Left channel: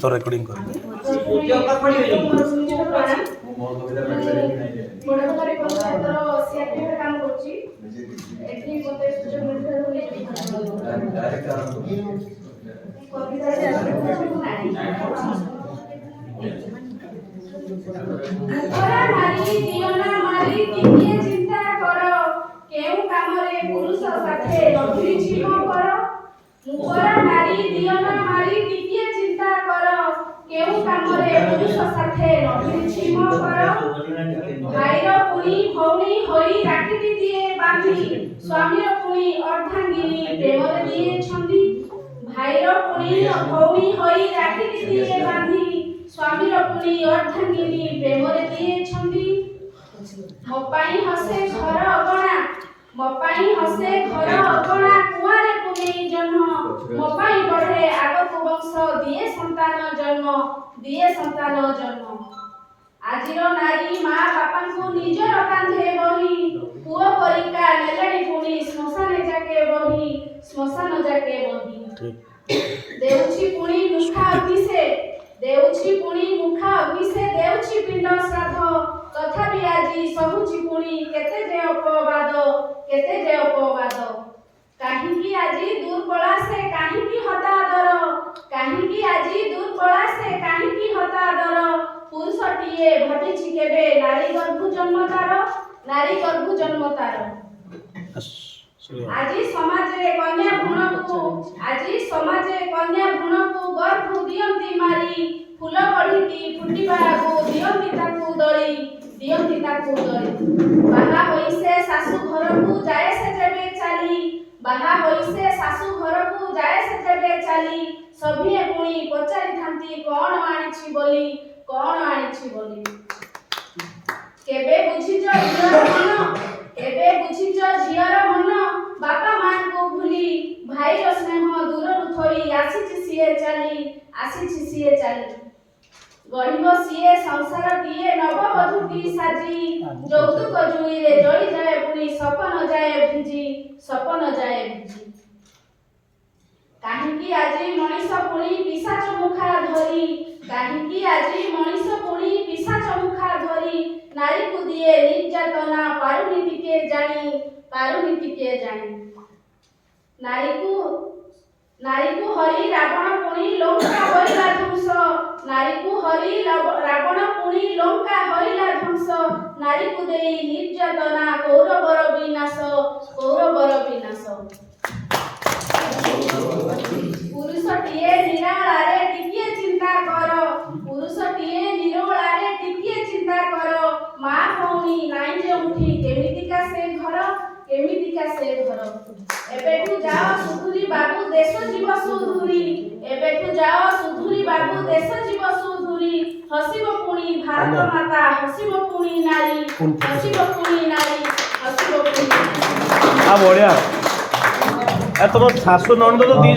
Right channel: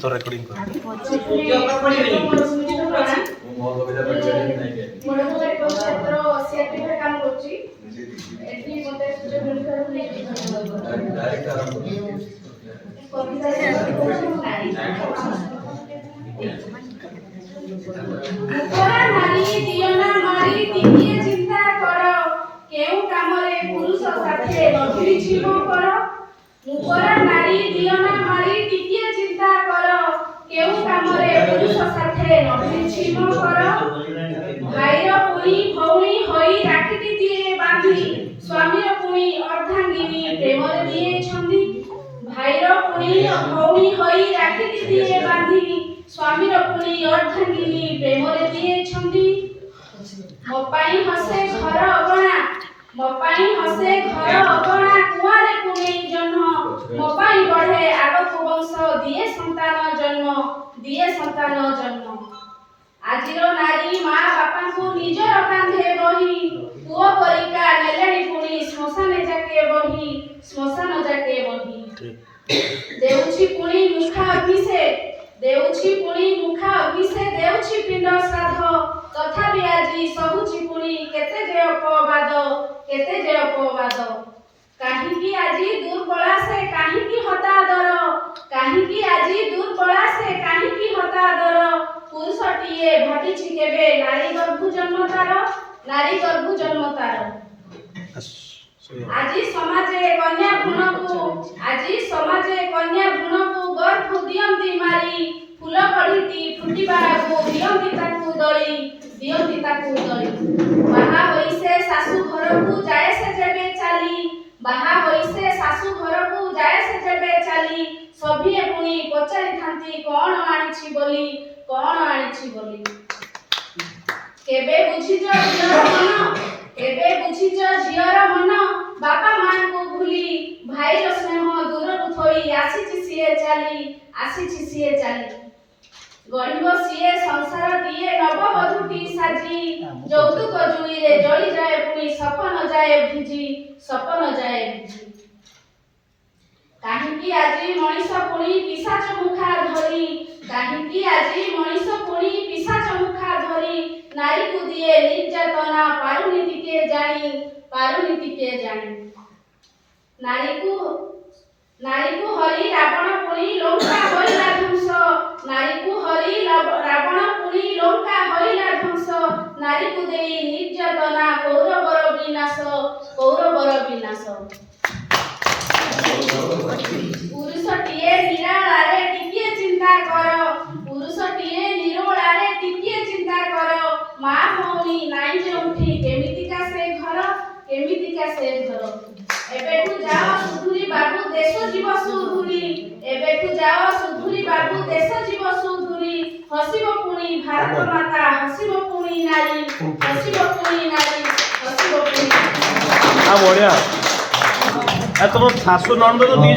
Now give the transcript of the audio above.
तो रेकर्डिंग कर चिंता कर केउ कामरे पुरुष साथे नभिछि मो कर मुकरा नारी दियना मारी टिके चिंता कर केउ कामरे पुरुष साथे नभिछि मो कर भाईर पुनी भौणी होई राखिटी दिए बांधी स्वामीर पुनी अर्धांगिनी प्रेमरे दिए छंदी भाईर पुनी भौणी होई राखिटी दिए बांधी स्वामीर पुनी अर्धांगिनी प्रेमरे दिए छंदी मोपाई हसे घर अगणा मोपाई हसे घर अगणा कुआरे कुने जन्म मोपाई बढ़े आगकु वंश दिए संतान जन्म आजिर नारी माँ बापा को निजर कांधे बही पुओ परिका नेलेणी पुनी श्मशान जाके बही देउछि पुनी मुखा अभिषे देउछि पिंड श्राद्ध तथापि आजी सहुछि पुनी केते जे अपवाद काहीकि आजी दूर पळा से काहीकि हतादर पुरुषटिए घटिछि केबे नारी गर्भ जन्म तार आजी समाजे कन्या भ्रूणकु गर्भ दियंती मारी फूल पढ़िटी फुटिबागु दियंती ताकु दळी बाहा होइसे सासु घरकु जाय से जेबे चाली सभिए पुणी पचारि थांती कोन आनिछि बोली केबे बुझिजो झियर मन बापा मां को भूली भाईर स्नेह दूररु थोई आसीछि सिए चाली गढ़िब सिए संसार दिए नववधूटी साजी যৌতুক জুইরে জড়ি যায় পুনি সপন যায় ভিজি কাহিকি আজি মনিষ পুনি পিশাচ মুখা ধরি নারীকু দিয়ে নির্যাতনা পারুনীতিকে জানি নারীকু হরি রাবণ পুনি লঙ্কা হইলা ধ্বংস নারীকু দেই নির্যাতনা কৌরবর বিনাশ পুরুষটিয়ে নিরালারে টিকিয়ে চিন্তা কর মা ভৌণী নাই যে উঠি কেমিতিকা সে ঘর এবেঠু যাও সুধুরি বাবু দেশ জীব সুধুরি হসিব পুনি ভারত মাতা হসিব পুনি নারী বঢ়িয়া তোমার শাশু নন্দ তো